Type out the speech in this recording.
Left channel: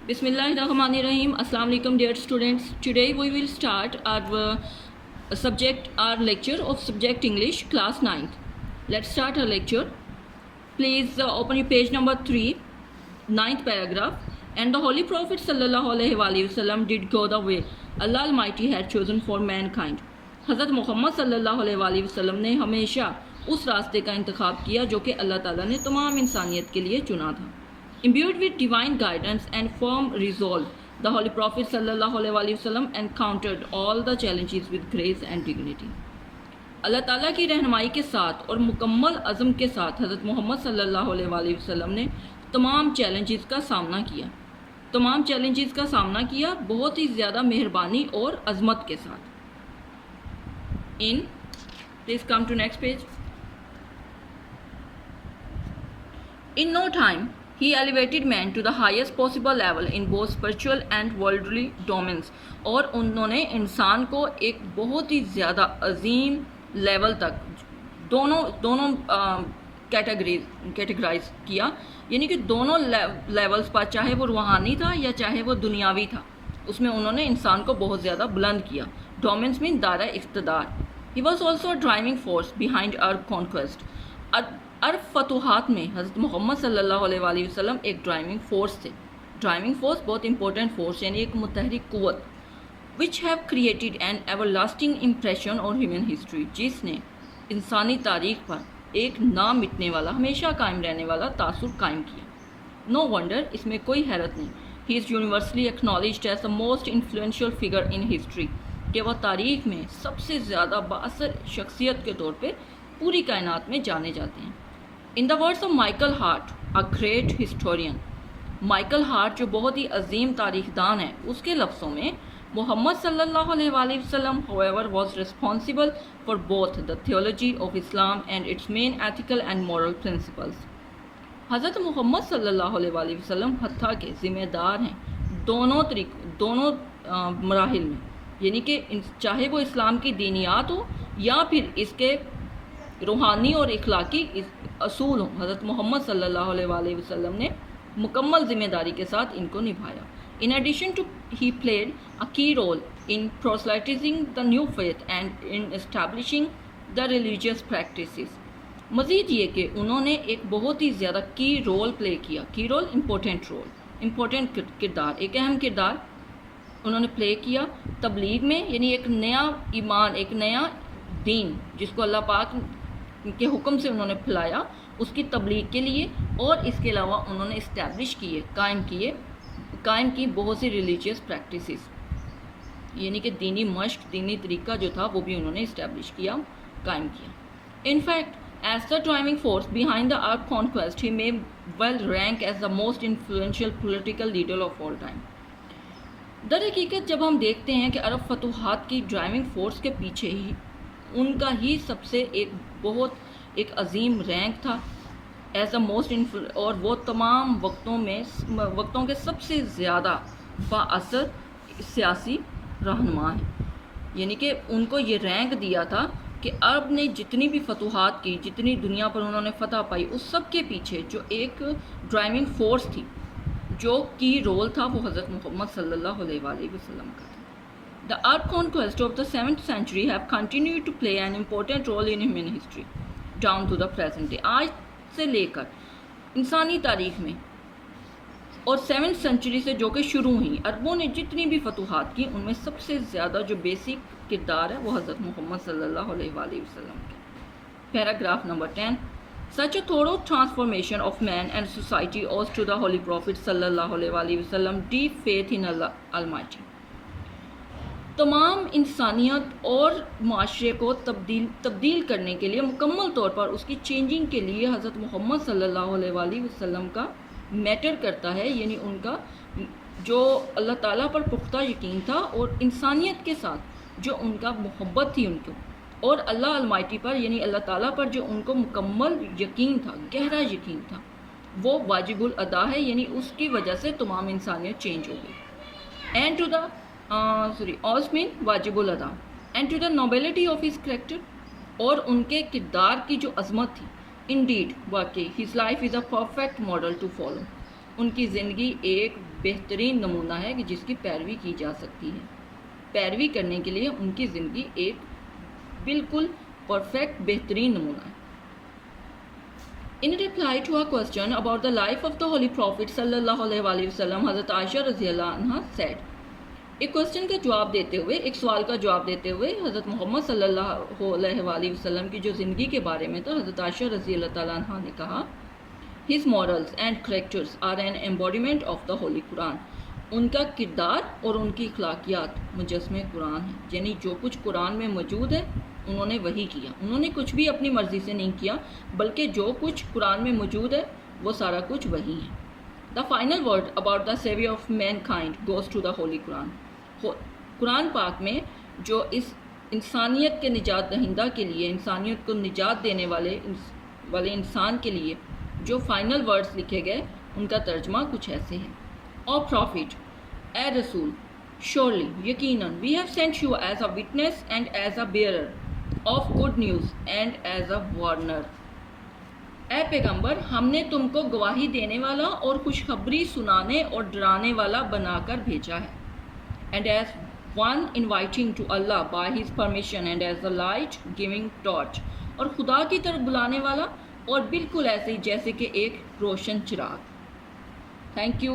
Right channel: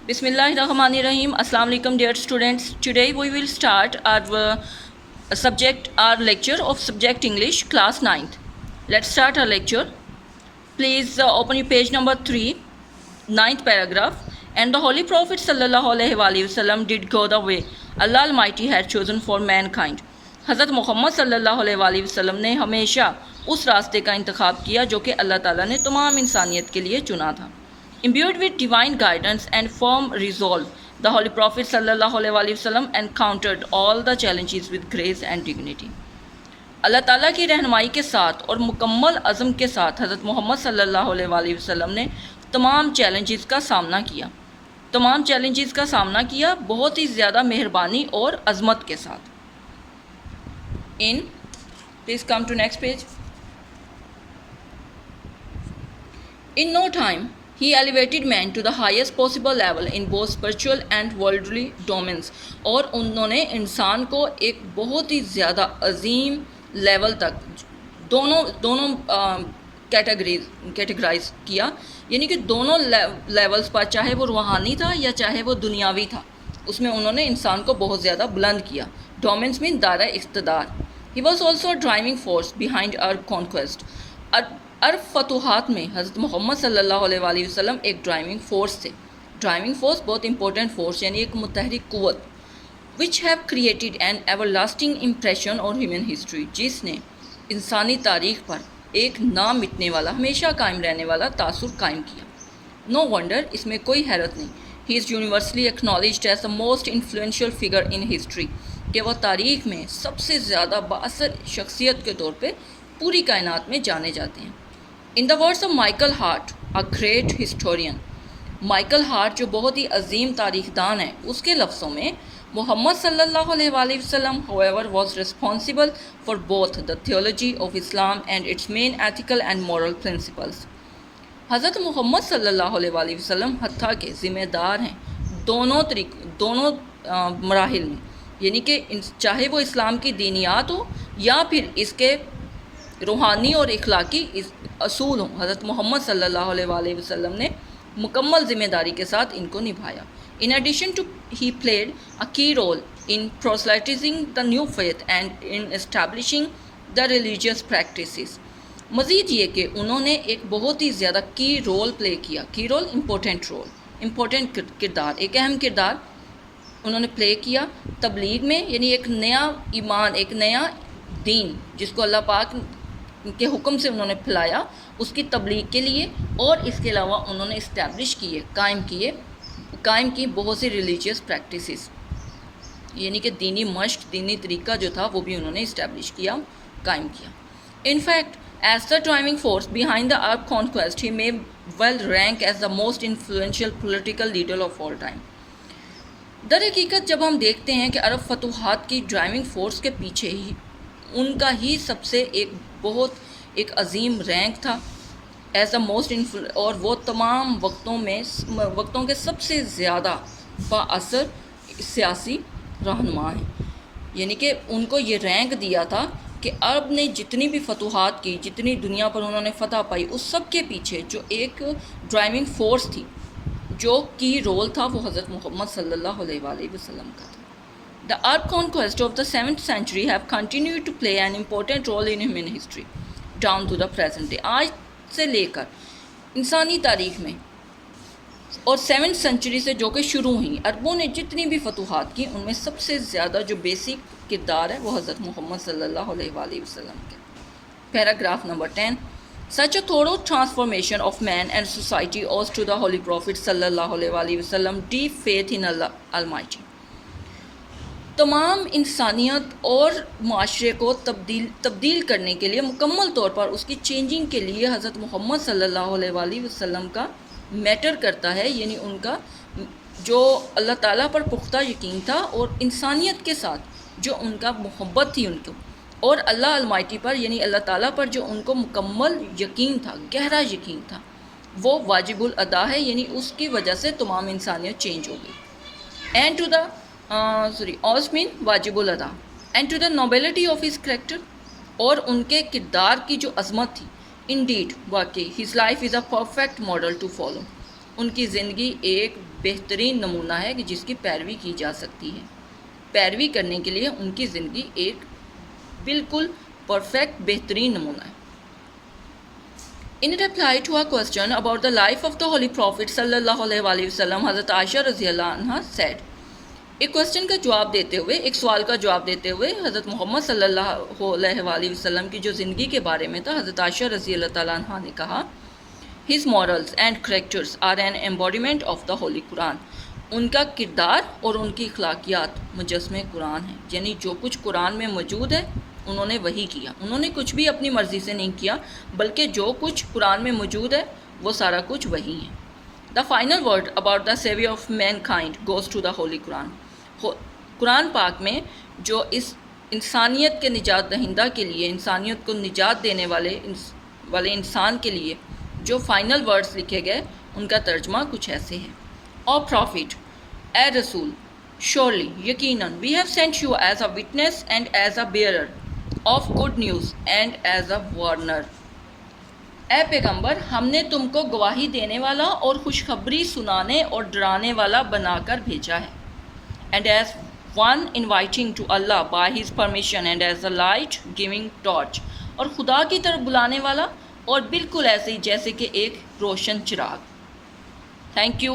Bismillahirrahmanirrahim. Assalamu alaikum dear students. Today we will start our lecture of subject English class 9th. Let's start our lecture. Please open your page number 3, 9th paragraph. And the Holy Prophet sallallahu alaihi wasallam did go the way Allah Almighty had chosen for mankind. حضرت محمد صلی اللہ علیہ وسلم نے ہمیشہ اس راستے کا انتخاب کیا جو کہ اللہ تعالیٰ نے تمام انسانیت کے لیے چنا تھا. Imbued with divine guidance and firm resolve, the Holy Prophet sallallahu alaihi wasallam encountered all the challenges with grace and dignity. اللہ تعالیٰ کی رہنمائی کے ساتھ اور مکمل عزم کے ساتھ حضرت محمد صلی اللہ علیہ وسلم نے تمام چیلنجز کا سامنا کیا بہت ہی زیادہ مہربانی اور عظمت کے ساتھ. Please come to next page. In no time, he elevated man to the highest possible level in both spiritual and worldly domains. اور انہوں نے انسان کو ایک بہت ہی زیادہ عظیم لیول تک دونوں کیٹیگرائز کیا، یعنی کہ دونوں لیولز پر، چاہے وہ روحانی تھا یا چاہے وہ دنیاوی تھا، اس میں انہوں نے انسان کو بہت زیادہ بلند کیا. ڈومینس مین دائرہ اقتدار. He was also a driving force behind our conquest. عرب فتوحات میں حضرت محمد صلی اللہ علیہ وسلم ایک ڈرائیونگ فورس تھے. ڈرائیونگ فورس بہت امپورٹنٹ فورس، یعنی ایک متحرک قوت. which have created an everlasting impression on human history. جس نے انسانی تاریخ پر ایک نہ مٹنے والا، ہمیشہ قائم رہنے والا تاثر قائم کیا. No wonder، اس میں کوئی حیرت نہیں. He is universally acknowledged as the most influential figure in history. کہ وہ تاریخ میں سب سے زیادہ بااثر شخصیت کے طور پہ پوری کائنات میں جانے جاتے ہیں. In the words of Michael Hart, a great historian. Michael Hart جو بہت ہی عظیم تاریخ دان ہے، اس کے لفظوں میں محمد صلی اللہ علیہ وسلم however was responsible for both the theology of Islam and its main ethical and moral principles. حضرت محمد صلی اللہ علیہ وسلم حتیٰ کہ ذمہ دار ہیں دونوں مراحل میں، یعنی کہ چاہے وہ اسلام کی دینیات ہو یا پھر اس کے روحانی اور اخلاقی اصول ہوں. حضرت محمد صلی اللہ علیہ وسلم نے مکمل ذمہ داری کے ساتھ ان کو نبھایا. In addition to he played a key role in proselytizing the new faith and in establishing the religious practices. مزید یہ کہ انہوں نے ایک بہت ہی زیادہ کی رول پلے کیا. کی رول امپورٹنٹ کردار، ایک اہم کردار انہوں نے پلے کیا تبلیغ میں، یعنی ایک نیا ایمان، ایک نیا دین جس کو اللہ پاک کے حکم سے انہوں نے پھیلایا، اس کی تبلیغ کے لیے. اور اس کے علاوہ انہوں نے اسٹیبلش قائم کی بہت سی ریلیجیس پریکٹسز، یعنی کہ دینی مشق، دینی طریقہ جو تھا وہ بھی انہوں نے اسٹیبلش کیا، قائم کیا. In fact as the driving force behind the Arab conquest he may well rank as the most influential political leader of all time. در حقیقت جب ہم دیکھتے ہیں کہ عرب فتوحات کی ڈرائیونگ فورس کے پیچھے ہی ان کا ہی سب سے ایک عظیم رینک تھا ایز اے موسٹ اور وہ تمام وقتوں کے سب سے زیادہ بااثر سیاسی رہنما ہیں. یعنی کہ ان کو یہ رینک دیا تھا کہ عرب نے جتنی بھی فتوحات کی، جتنی دنیا پر انہوں نے فتح پائی، اس سب کے پیچھے جو ایک ڈرائیونگ فورس تھی، جو کی رول تھا، وہ حضرت محمد صلی اللہ علیہ وسلم کا تھا. The Arab conquest of the 7th century have continued to play an important role in human history down to the present day. آج سے لے کر انسانی تاریخ میں اور 7th سینچری سے جو کہ شروع ہوئی، عربوں نے جتنی بھی فتوحات کی، ان میں سب سے زیادہ جو بیسک کردار ہے وہ حضرت محمد صلی اللہ علیہ وسلم کے. Paragraph number 10. Such a thorough transformation of man and society owes to the Holy Prophet صلی اللہ علیہ وسلم deep faith in Allah Almighty. تمام انسانیت اور معاشرے کو تبدیل کرنے کے لیے، مکمل طور پر اس کی چینجنگ کے لیے حضرت محمد صلی اللہ علیہ وسلم کا میٹر کرتا ہے، یعنی ان کا جو اللہ تعالیٰ پر پختہ یقین تھا اور انسانیت کے ساتھ جو ان کا محبت تھی ان کو، اور اللہ المائٹی پر یعنی اللہ تعالیٰ پر جو ان کو مکمل یقین تھا، گہرا یقین تھا، وہ واجب الادا ہے، یعنی اس کی وجہ سے تمام انسانیت چینج ہو گئی. اینڈ ٹو دا واجب الادا and to the nobility of his character, اور ان کے کردار کی جو عظمت تھی. انڈیڈ، واقعی his life is a perfect model to follow. ان کی زندگی ایک بہترین نمونہ ہے کہ جس کی پیروی کی جا سکتی ہے. پیروی کرنے کے لیے ان کی زندگی ایک بالکل پرفیکٹ بہترین نمونہ ہے. In reply to a question about the life of the Holy Prophet sallallahu alaihi wasallam, حضرت عائشہ رضی اللہ عنہ said, ایک کوشچن کا جواب دیتے ہوئے، ایک سوال کا جواب دیتے ہوئے حضرت محمد صلی اللہ علیہ وآلہ وسلم کی جو زندگی کے بارے میں تھا، حضرت عائشہ رضی اللہ تعالیٰ عنہ نے کہا His morals and characters are an embodiment of the Holy Quran. ان کا کردار اور ان کی اخلاقیات مجسمے قرآن ہیں. یعنی جو کچھ قرآن میں موجود ہے انہوں نے وہی کیا. انہوں نے کچھ بھی اپنی مرضی سے نہیں کیا، بلکہ جو کچھ قرآن میں موجود ہے وہ سارا کچھ وہی ہے. The final word about the savior of mankind goes to the Holy Quran. قرآن پاک میں جو اس انسانیت کے نجات دہندہ کے لیے، انسانیت کو نجات دینے والے انسان کے لیے جو فائنل ورڈز لکھے گئے، ان کا ترجمہ کچھ ایسے ہیں. اور پروفٹ، اے رسول، surely یقیناً we have sent you as a witness and as a bearer of good news and as a warner. اے پیغمبر، ہم نے تم کو گواہی دینے والا اور خوشخبری سنانے اور ڈرانے والا بنا کر بھیجا ہے. And as one inviting to Allah by his permission and as a light giving torch. اور خدا کی طرف بلانے والا اور بالکل ایسے ہی جیسے کہ ایک روشن چراغ. Thank you.